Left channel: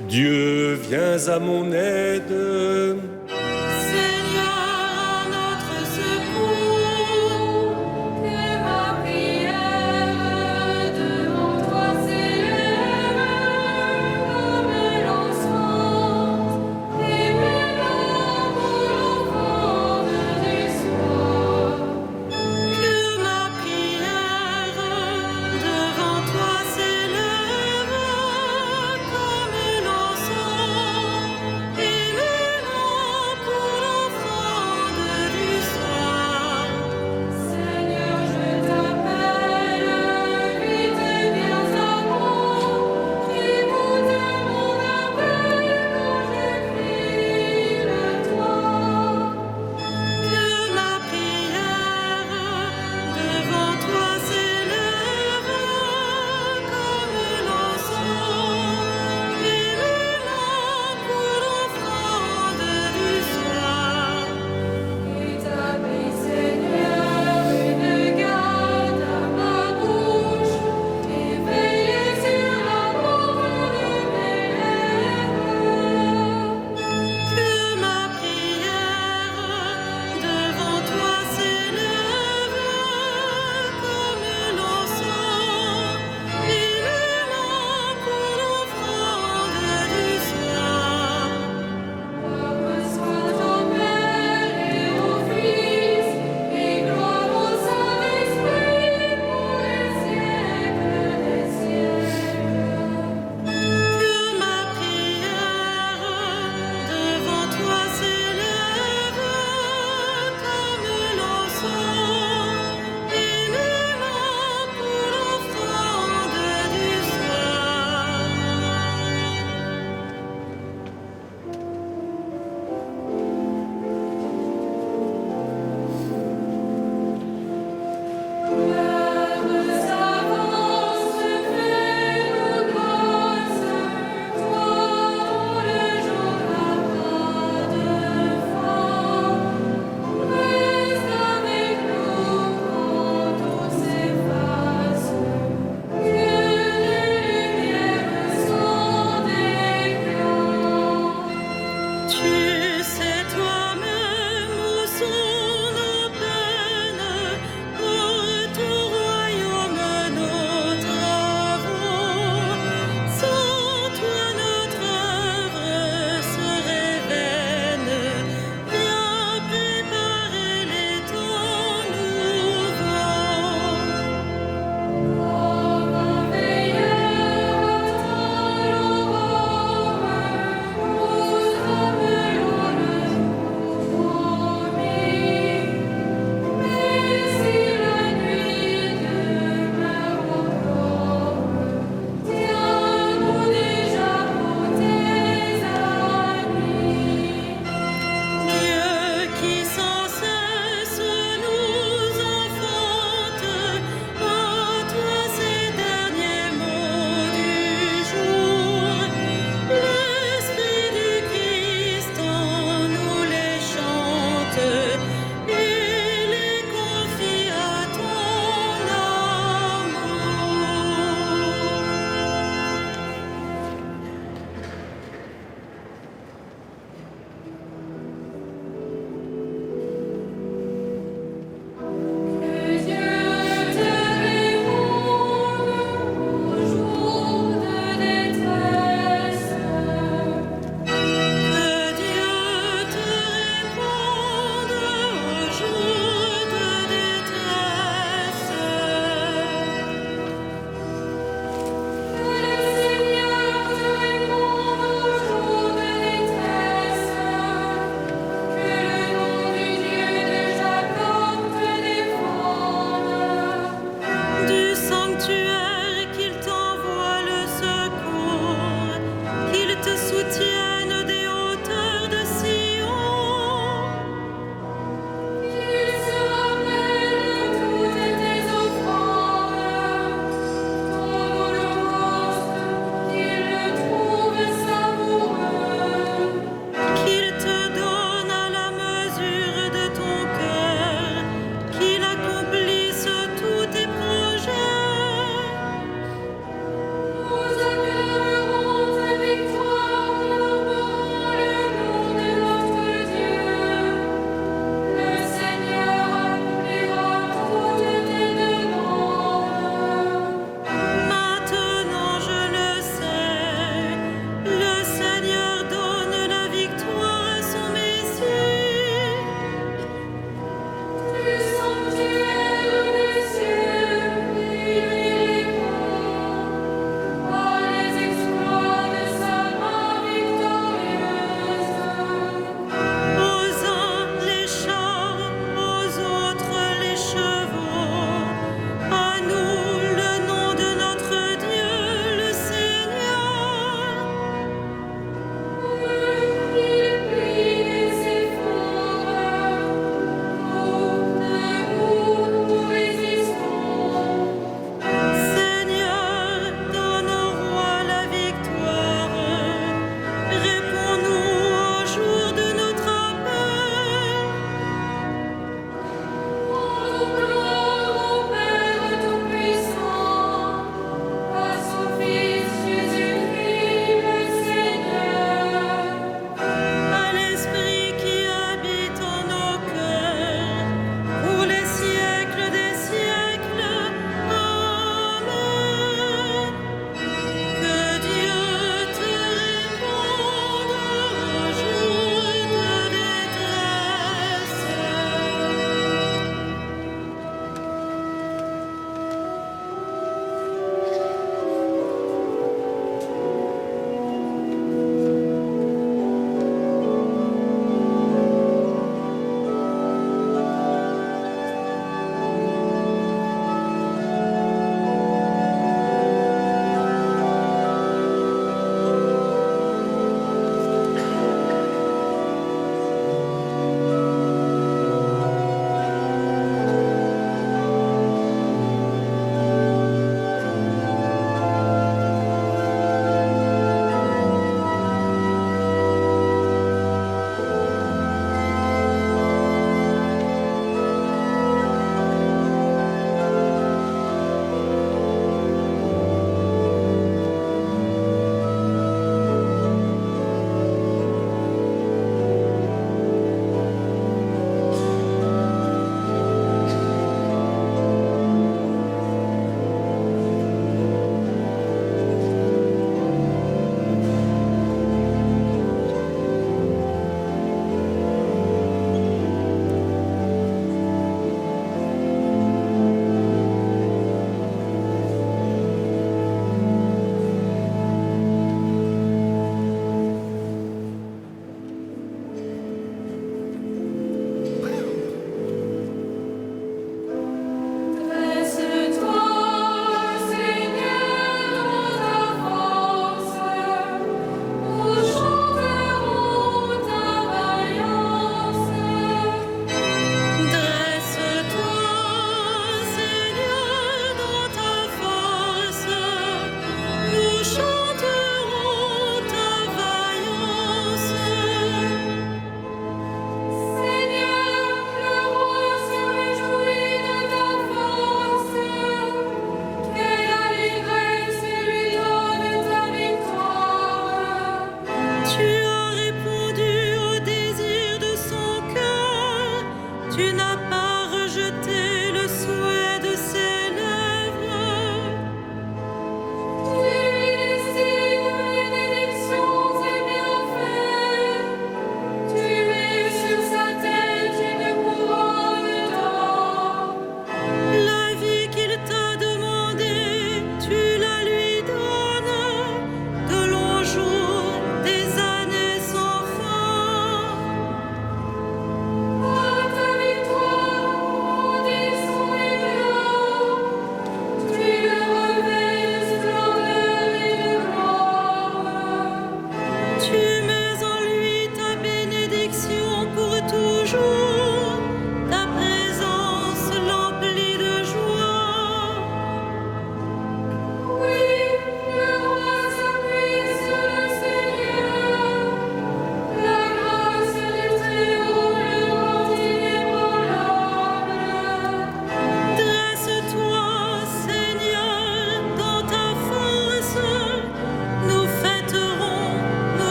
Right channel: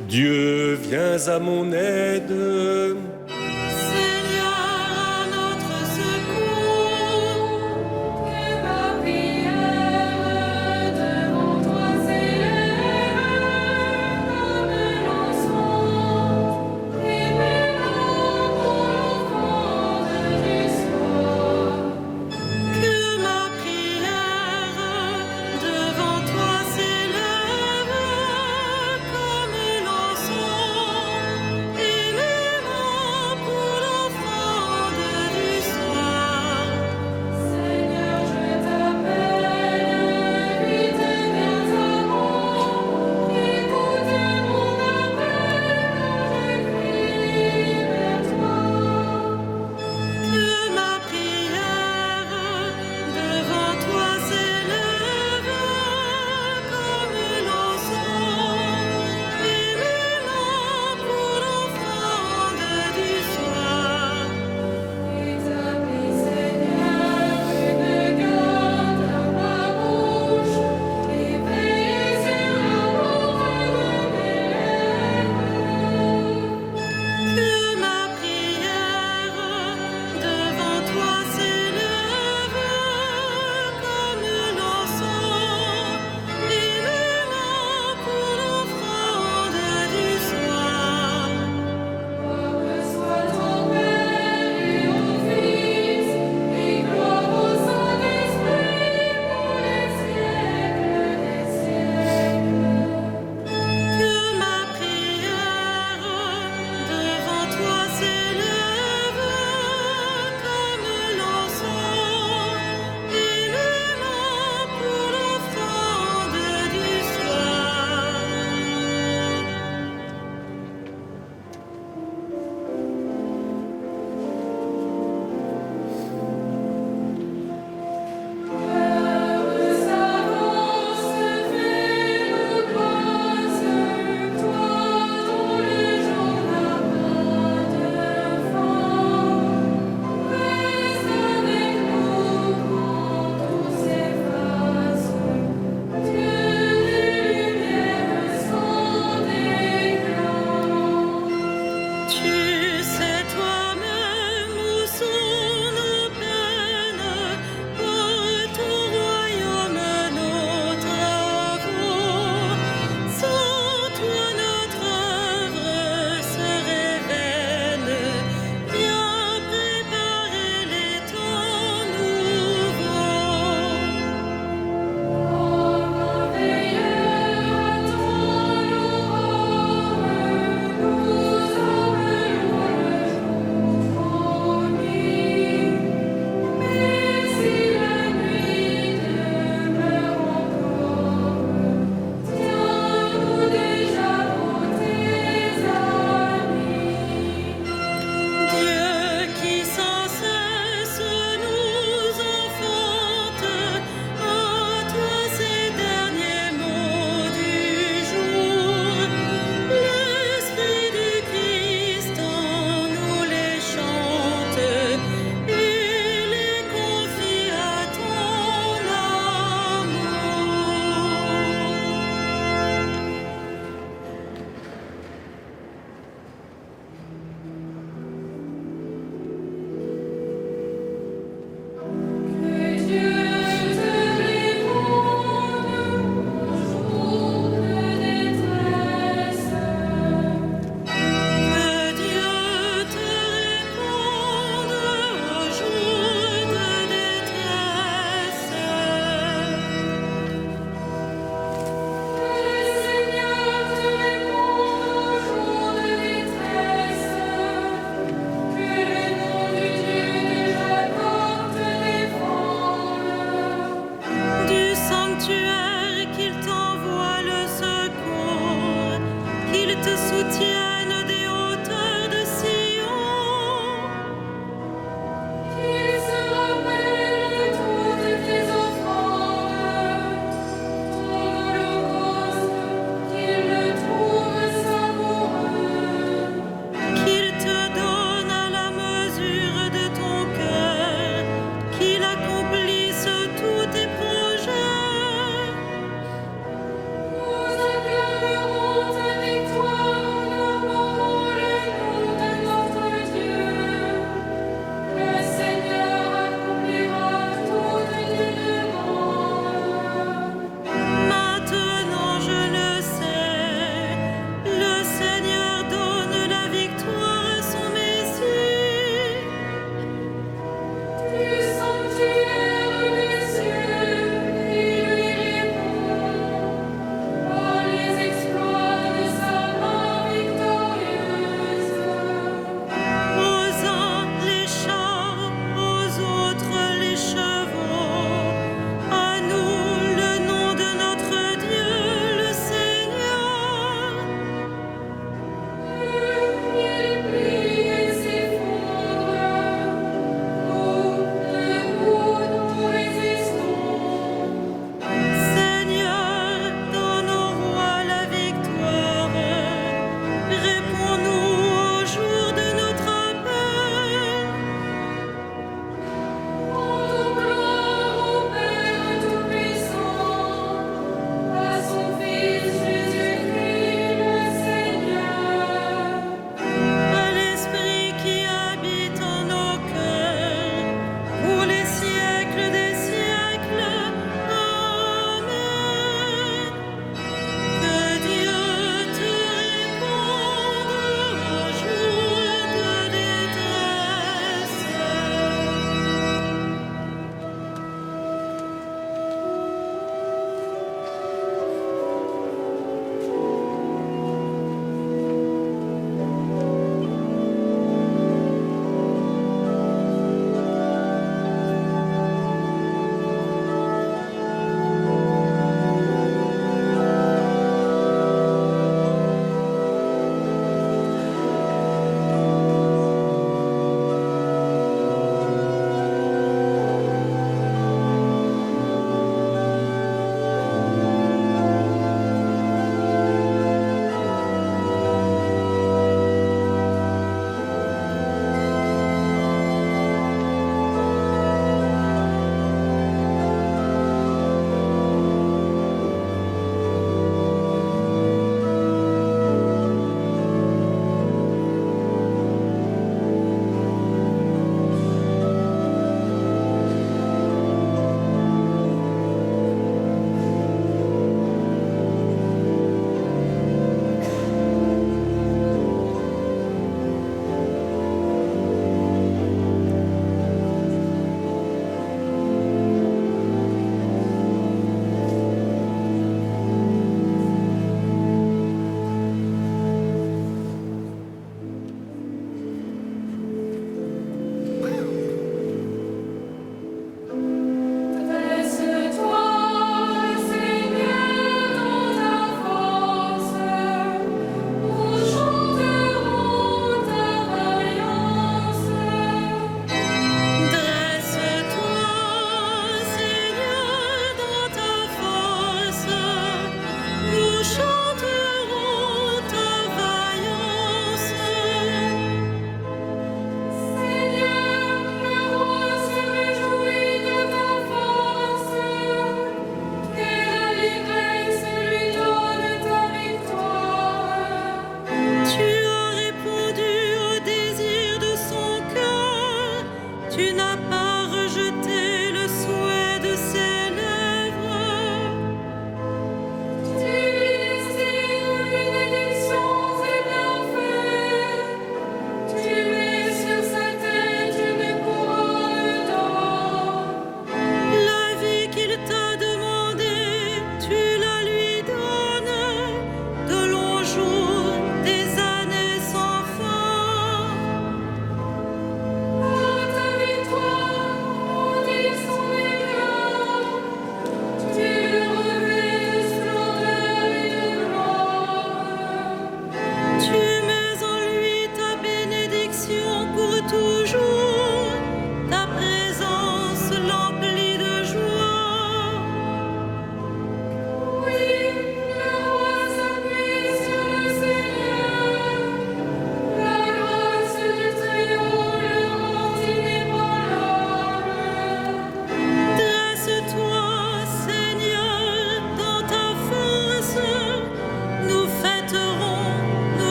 Dieu, viens à mon aide. Seigneur, à notre secours, que ma prière devant toi s'élève comme l'encens, et mes larmes pour l'offrande du soir. Que ma prière devant toi s'élève comme l'encens, et mes larmes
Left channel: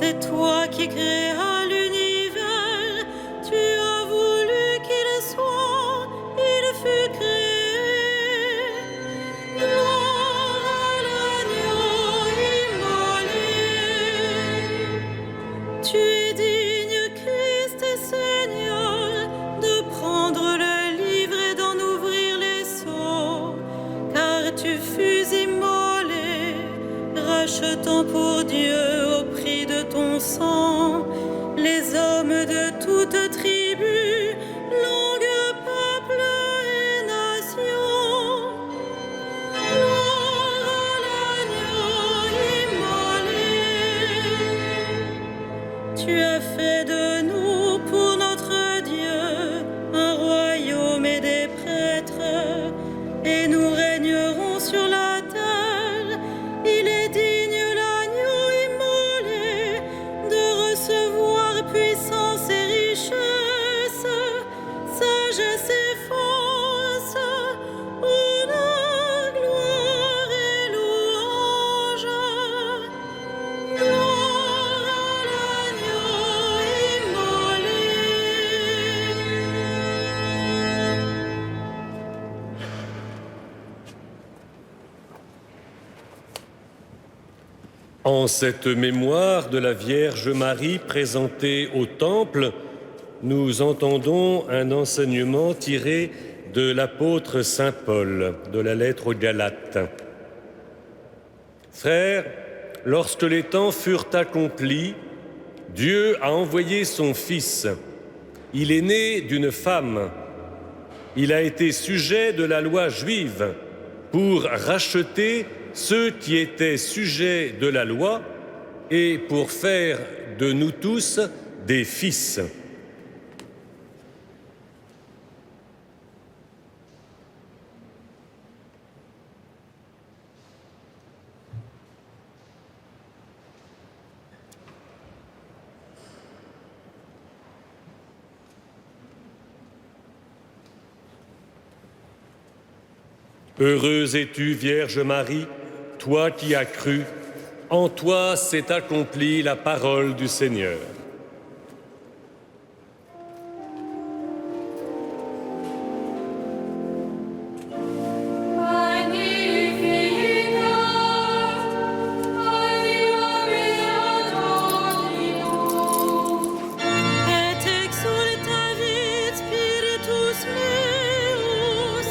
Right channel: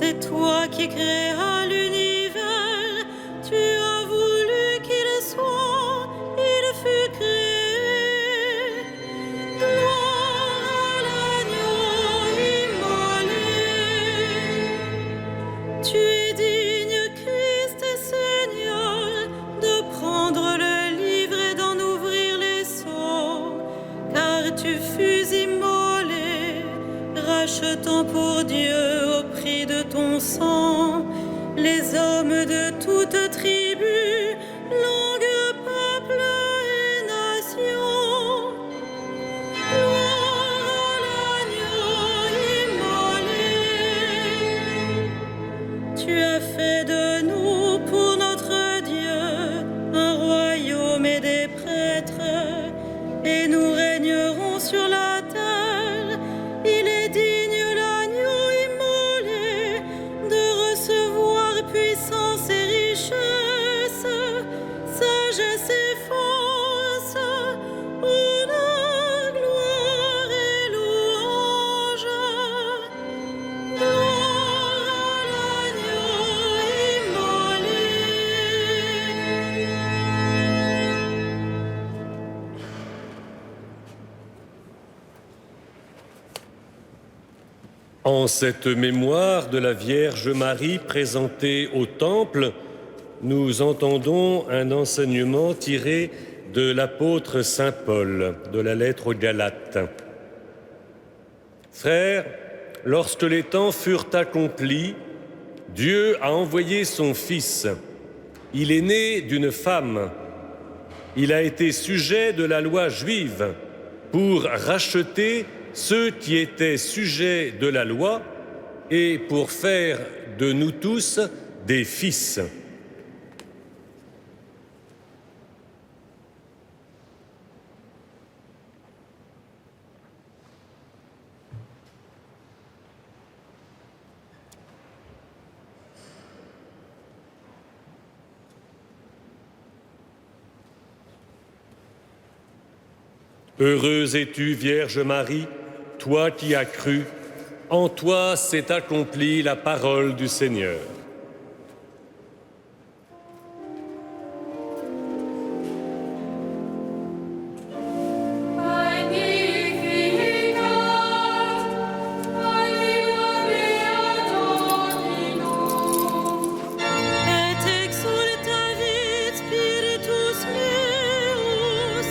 C'est toi qui créas l'univers, tu as voulu qu'il soit, il fut créé. Gloire à l'agneau immolé. Tu es digne, Christ et Seigneur, de prendre le livre et d'en ouvrir les sceaux, car tu fus immolé, rachetant pour Dieu au prix de ton sang les hommes de toute tribu, langue, peuple et nation. Gloire à l'agneau immolé. Tu as fait de nous pour notre Dieu un royaume et des prêtres, et nous régnerons sur la terre. Il est digne, l'agneau immolé, de recevoir puissance et richesse, sagesse et force, honneur, gloire et louange. Gloire à l'agneau immolé. En cette mémoire de la Vierge Marie présentée au Temple, nous entendons un enseignement tiré de l'apôtre Saint Paul, de la lettre aux Galates. Frères, lorsque les temps furent accomplis, Dieu a envoyé son Fils. Il est né d'une femme. Il a été sujet de la loi juive pour racheter ceux qui étaient sujets de la loi et pour faire de nous tous des fils. Heureuse es-tu, Vierge Marie, toi qui as cru, en toi s'est accomplie la parole du Seigneur. Et exultavit Spiritus meus,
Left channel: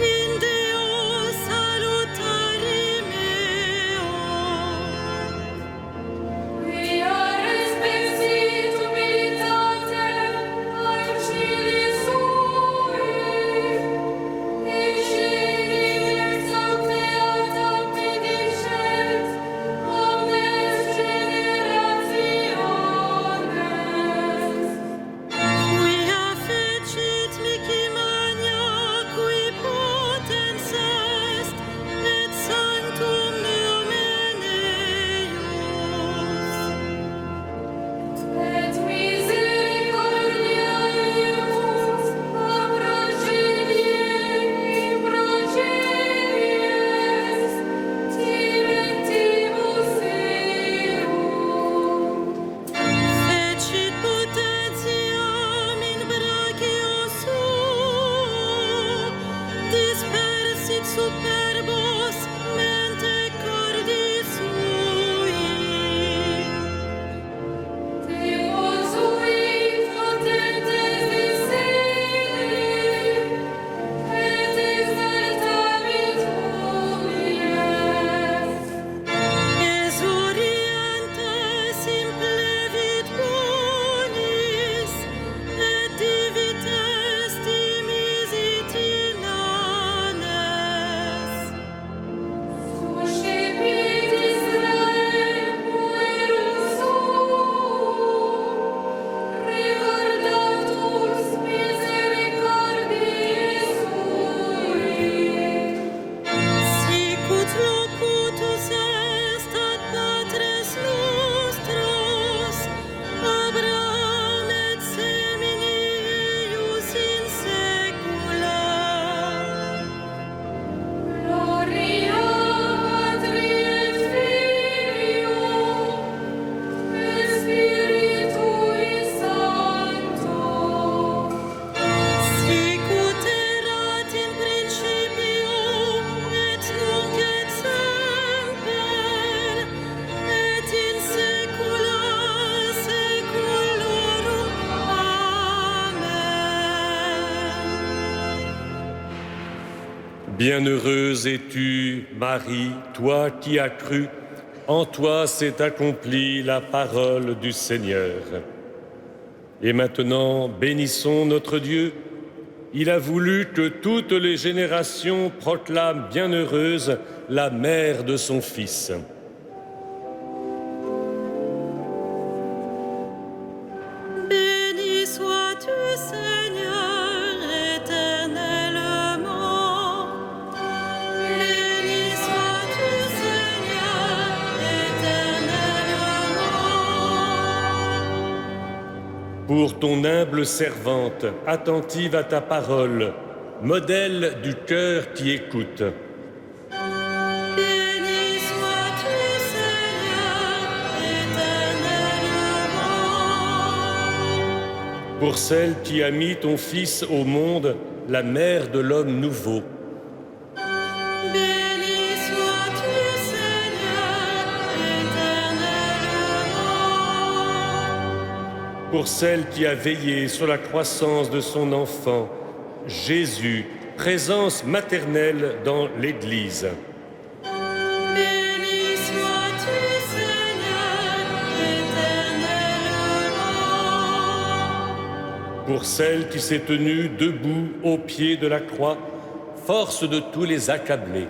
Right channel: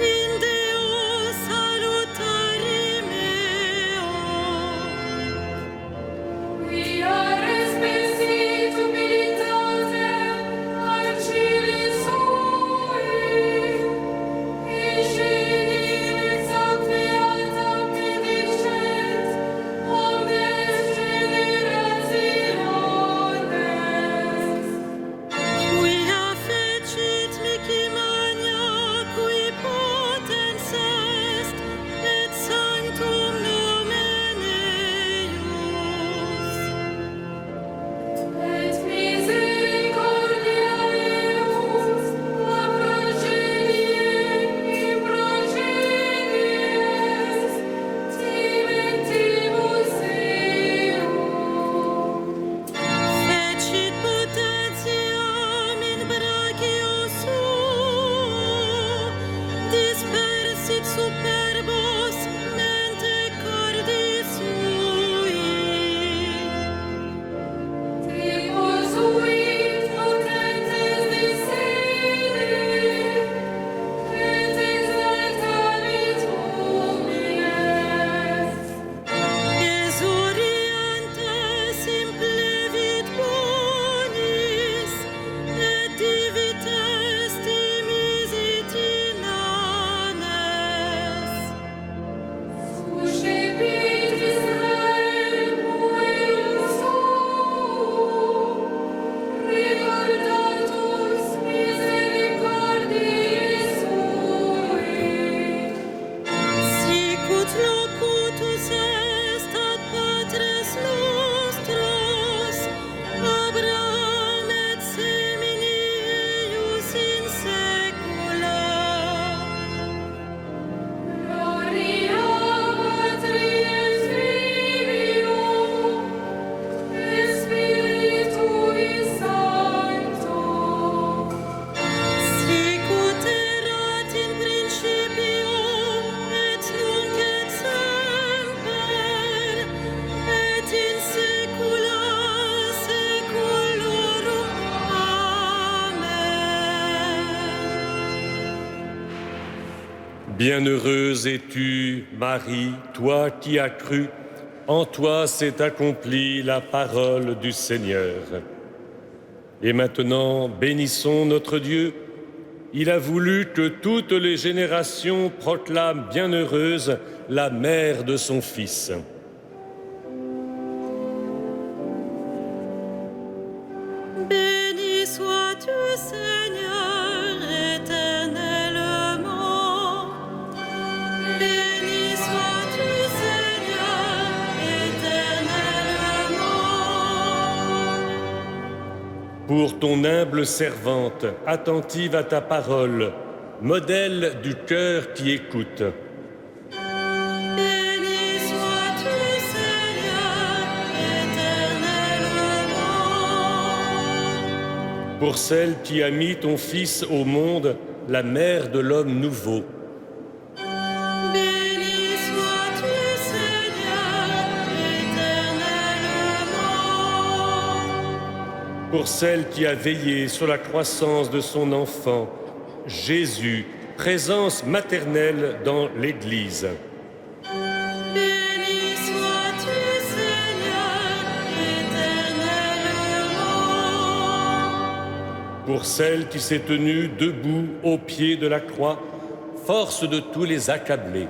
in Deo salutari meo. Quia respexit Bienheureuse es-tu, Marie, toi qui as cru, en toi s'est accomplie la parole du Seigneur. Et maintenant, bénissons notre Dieu. Il a voulu que toutes les générations proclament bienheureuse la mère de son Fils. Béni sois-tu, Seigneur, éternellement. Béni sois-tu, Seigneur, éternellement. Pour ton humble servante, attentive à ta parole, modèle du cœur qui écoute. Béni sois-tu, Seigneur, éternellement. Pour celle qui a mis ton Fils au monde, la mère de l'homme nouveau. Béni sois-tu, Seigneur, éternellement. Pour celle qui a veillé sur la croissance de son enfant, Jésus, présence maternelle dans l'Église. Béni sois-tu, Seigneur, éternellement. Pour celle qui s'est tenue debout au pied de la croix, force de tous les accablés.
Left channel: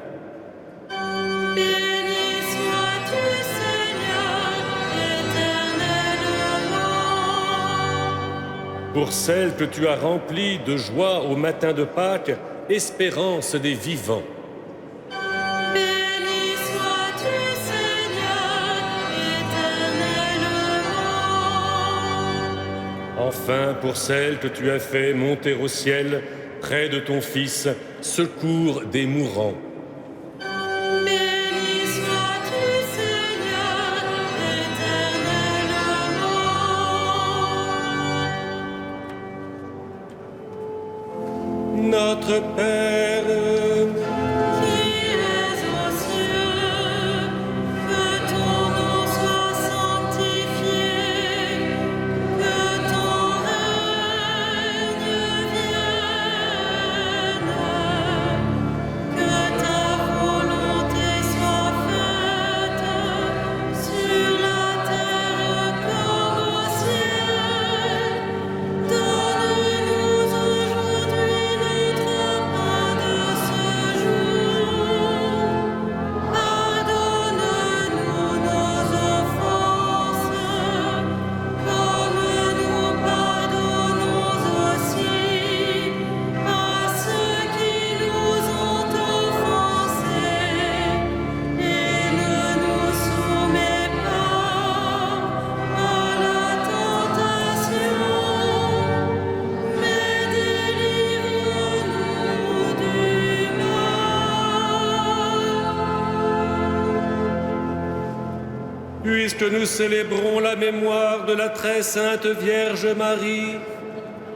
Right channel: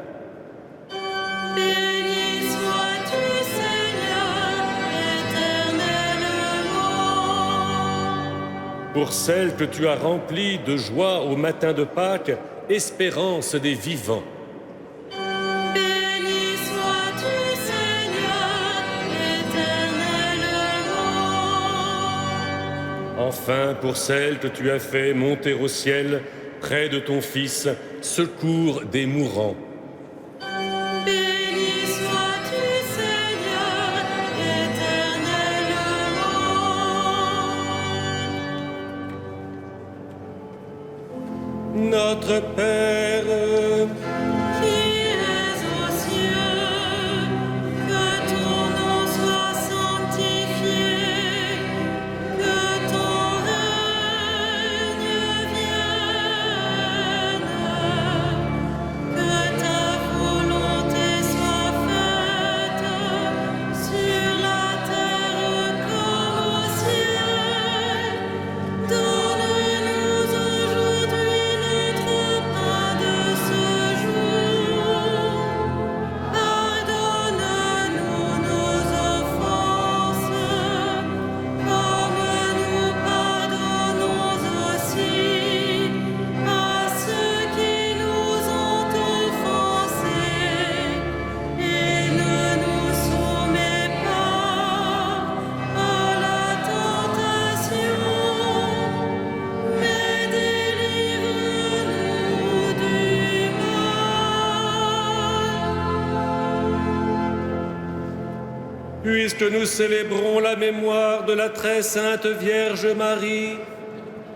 Béni sois-tu, Seigneur, éternellement. Pour celle que tu as remplie de joie au matin de Pâques, espérance des vivants. Béni sois-tu, Seigneur, éternellement. Enfin, pour celle que tu as fait monter au ciel, près de ton Fils, secours des mourants. Béni sois-tu, Seigneur, éternellement. Notre Père, Qui es aux cieux, que ton nom soit sanctifié, que ton règne vienne, que ta volonté soit faite sur la terre comme au ciel. Donne-nous aujourd'hui notre pain de ce jour. Pardonne-nous nos offenses, comme nous pardonnons aussi à ceux qui nous ont offensés. Et ne nous soumets pas à la tentation, mais délivre-nous du mal. puisque nous célébrons la mémoire de la très sainte Vierge Marie,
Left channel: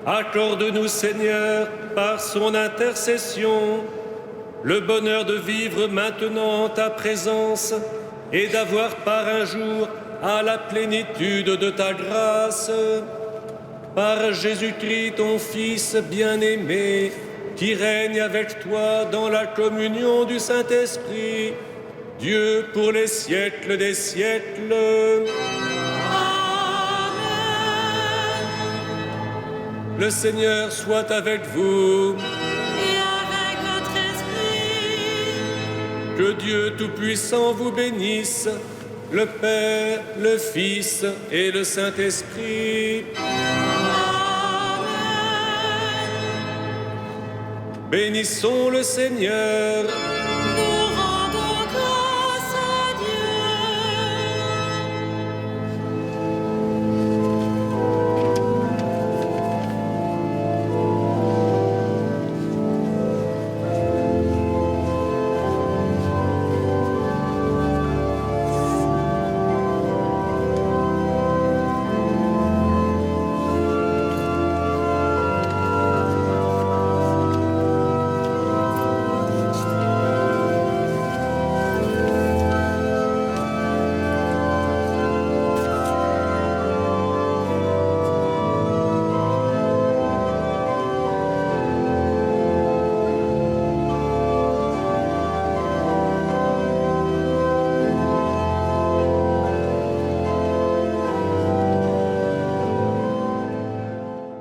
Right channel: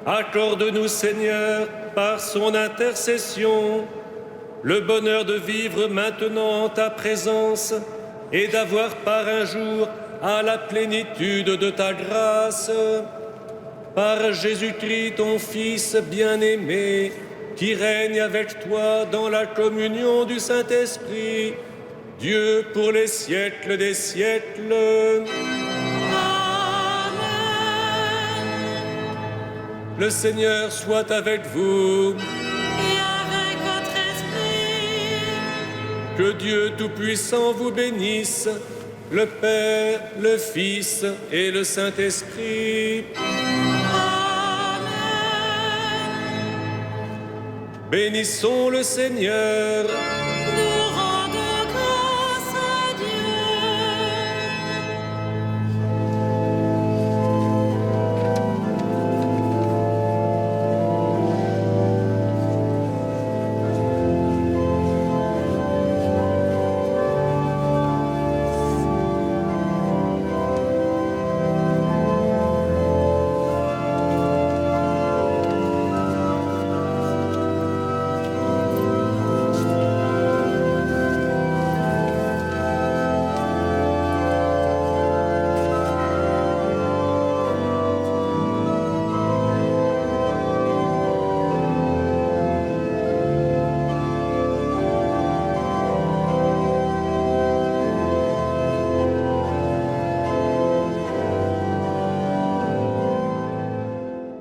accorde-nous, Seigneur, par son intercession, le bonheur de vivre maintenant en ta présence et d'avoir part un jour à la plénitude de ta grâce. Par Jésus-Christ, ton Fils bien-aimé, qui règne avec toi dans la communion du Saint-Esprit, Dieu pour les siècles des siècles. Amen. Le Seigneur soit avec vous. Et avec votre esprit, Que Dieu Tout-Puissant vous bénisse, le Père, le Fils et le Saint-Esprit. Amen. Bénissons le Seigneur.